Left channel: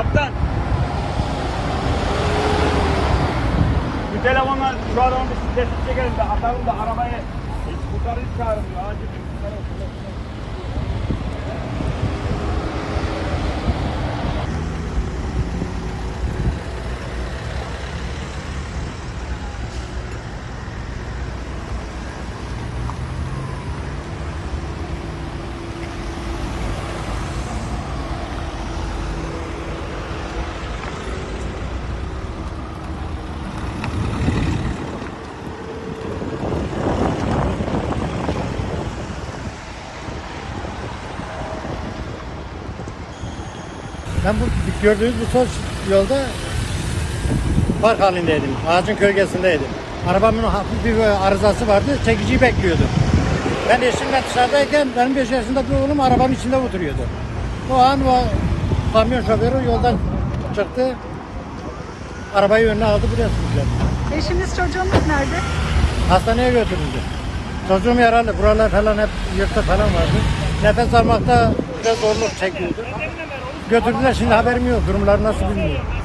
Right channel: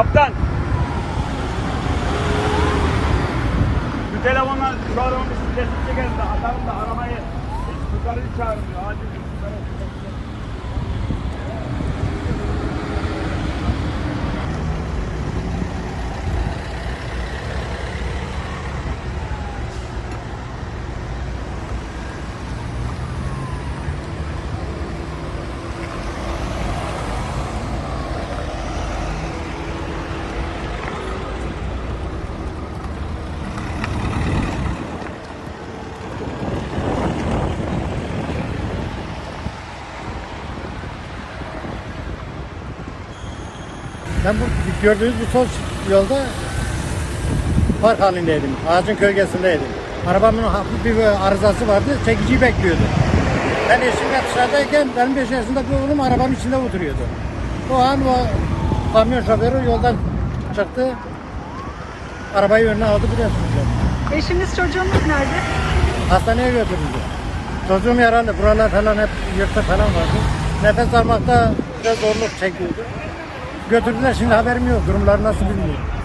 Kaptan. Bu telefonla şu adamı bir sesli çekerse atalım da arabayı yukarı çağırın. Acil. Ben bu gördüğünüz bu sol yolda park halindeydim. Ağacın gölgesindeydim. Arabamın hafif bir arızası vardı. Çekiciyi bekliyordu. Ben eşimle dışarıdayken benim 5 yaşında bir oğlum arabanın içinde oturuyordu. O an o kamyon şoförü yoldan çıktı. Arabayı önüne aldı buraya sürükledi. Eşiniz çocuğunuz nerede? Hastaneye götürüldü. Çocuğum yaralı. Buralar falan hep yırtık falan vardı. Nefes almakta biraz zorluk çekiyordu. Götürdüler şimdi haberim yok. Durumları nasıl bilmiyorum.